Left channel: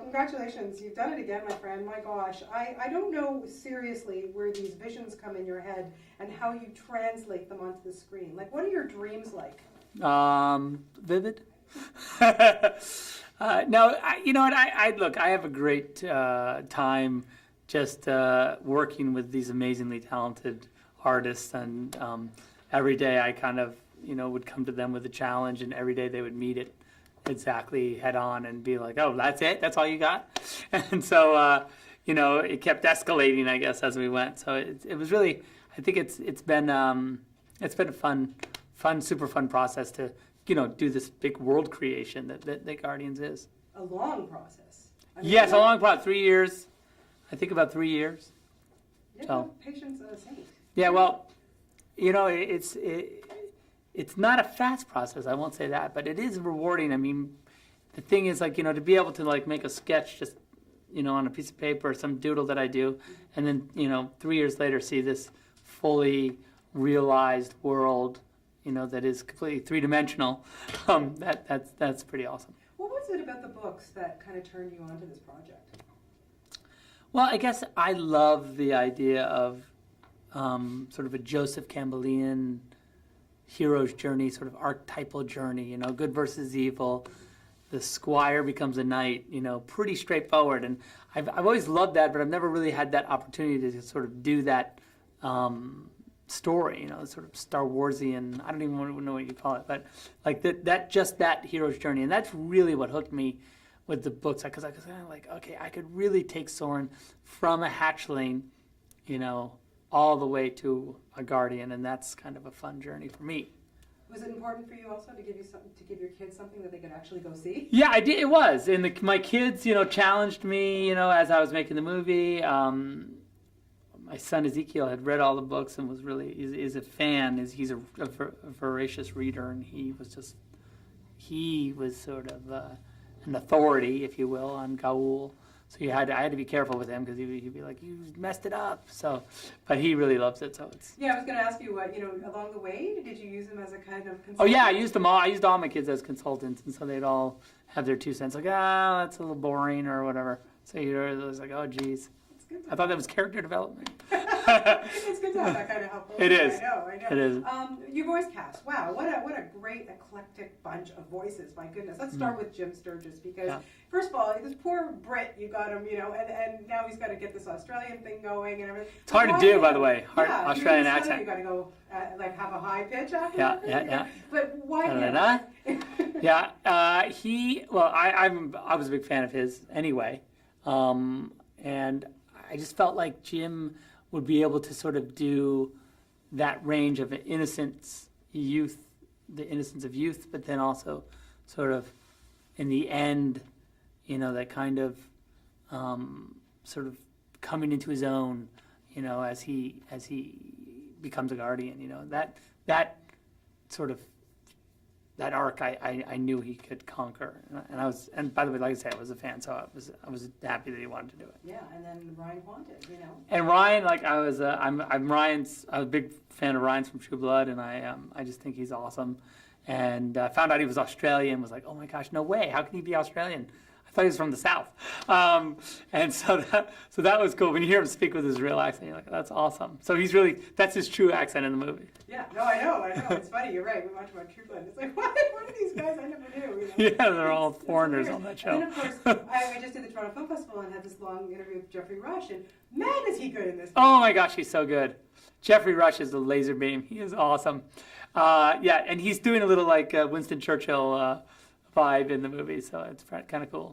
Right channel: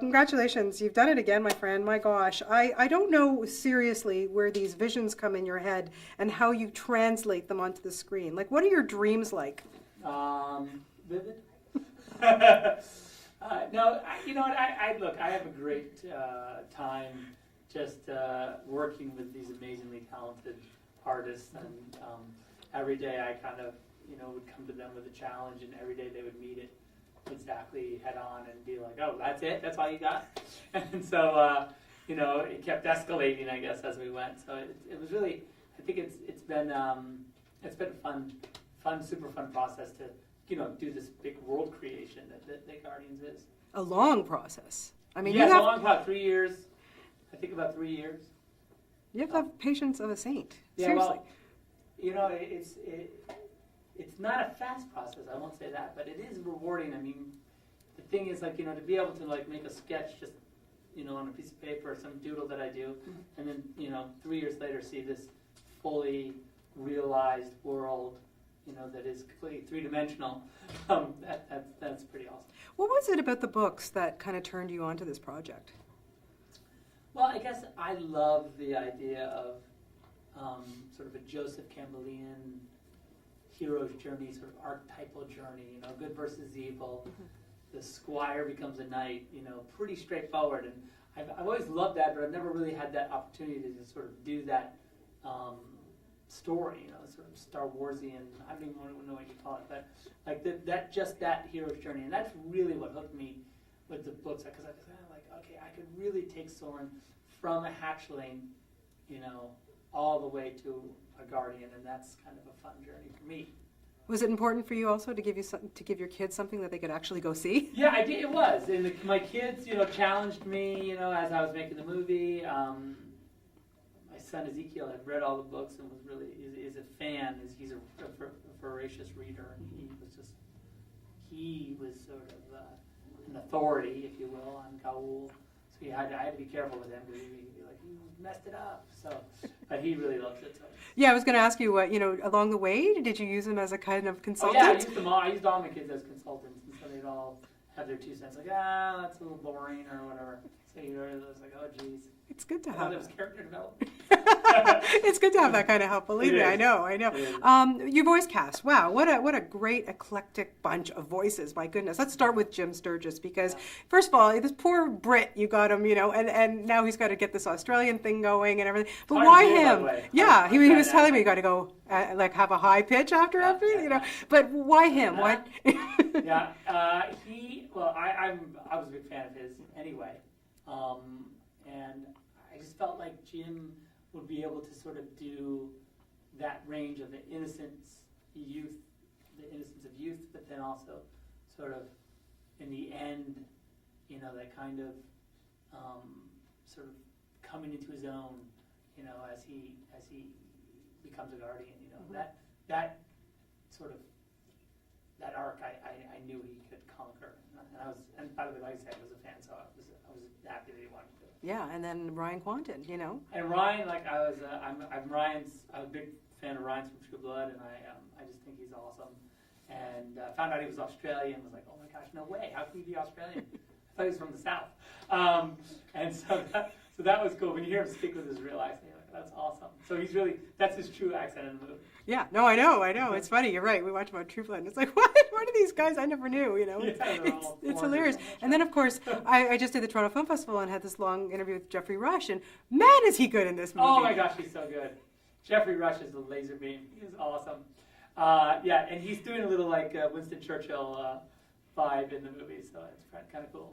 Congratulations, you've done it again, my friend. My gosh, I don't know seriously where these visions come in your head and how you translate them onto the screen. Like, what are your dreams like? Vivid. No, you know what? Look. I have a great time just working with these amazingly talented artists, and every day I kind of would come to them with a challenge, and every day they would meet it exactly head on and be like, "Oh, that's it? That's all you got?" And so it kept escalating, I guess, as we went. So it was really, I think it's been a fun, super fun process to do this big world creation that Guardians is. A long process. I mean, yes, a long process. 3 years. I think about 3 years. You have to have patience of a saint. Yeah, Seriously. well, it's not a fast process. I won't say that, but it is rewarding. I mean, the thing is, like, to be able to like make a sketch just on a piece of paper, some doodle that I do, and then 3 years later see this fully realized world. That is completely three-dimensional. That's pretty awesome. What was it about the books that kind of turned you onto this project? Well, I guess I love the idea of sort of a Joseph Campbellian hero's journey, sort of archetypal journey. Good versus evil. Mm-hmm. The squire becomes a knight. Pretty straightforward. And I've always loved that, but I've never really had that opportunity to sort of do that. Story, sort of Star Warsian, I don't even know what you call it, but like that hero's journey, and that's really what hooked me with the books, because I was kind of like, okay, I could really take Soren from a hatchling, all the way to a guardian, and that's kind of a fun journey for me. Was it important for you also to give your kids something that they could actually go see? Yeah, I did. It was, and my kids, challenged me, as I was making the movie. My son Ezekiel had read all the books and was really is a fan. He's a voracious reader, and he was sort of an authority, if you will, on Gaul. So I had to be careful with him because he'd be like, "You messed it up." So, but he really loves it. So yeah, I was going to ask you what along the way, did you use them as a kind of consultant? Oh yeah, I used them all. I used all my kids as consultants, and so they'd all have their 2 cents, like, that's a little boring or whatever. So it was like, oh geez. It's good to I thought that was character development. It's good to have that kind of help. It is. I know. It is. Your voice cast. Wow, what a great eclectic bunch of voices. My goodness. Let's start with Jim Sturgis, because first of all, this poor Brit, you got him, and now he's got to get this Australian thing going and everything. It's hard to do, by the way. Yeah, he was telling me you got to go like have a high pitch after that. But why him? Why? Yeah, I was a big fan of his anyway, and I just felt like Jim would be able to sort of do that range of innocence, youth, the innocence of youth, but then also sort of in the end, that kind of sort of coming into his own, as he becomes a guardian. That sort of that arc I knew he could conquer, and by the way, like I said, I was a fan, so I was happy that he wanted to do it. Yeah, and then Ryan Quanten, And Ryan, like I'm a big fan of Ryan's from True Blood, and I just think he's awesome, and found out he was Australian, was like, oh my gosh, no way, how can he be Australian? I thought he was from the South, and so that was cool. When you hear him speak with his real accent, you're like, that's awesome. So that's his true accent in the movie. Yeah, no, I know. It's funny. You're right. We watch about True Blood, and it's like, what are these guys I never knew? Yeah, they're all foreigners on that show. And then of course, I just did the Toronto Film Festival and had this long interview with Jeffrey Rush, and man, is he good in this movie! Oh my gosh, he's so good. Jeffrey Rush is a laser beam. He is awesome. Yeah, and he's doing a little like Winston Churchill vibe in the movie, so it's kind of cool.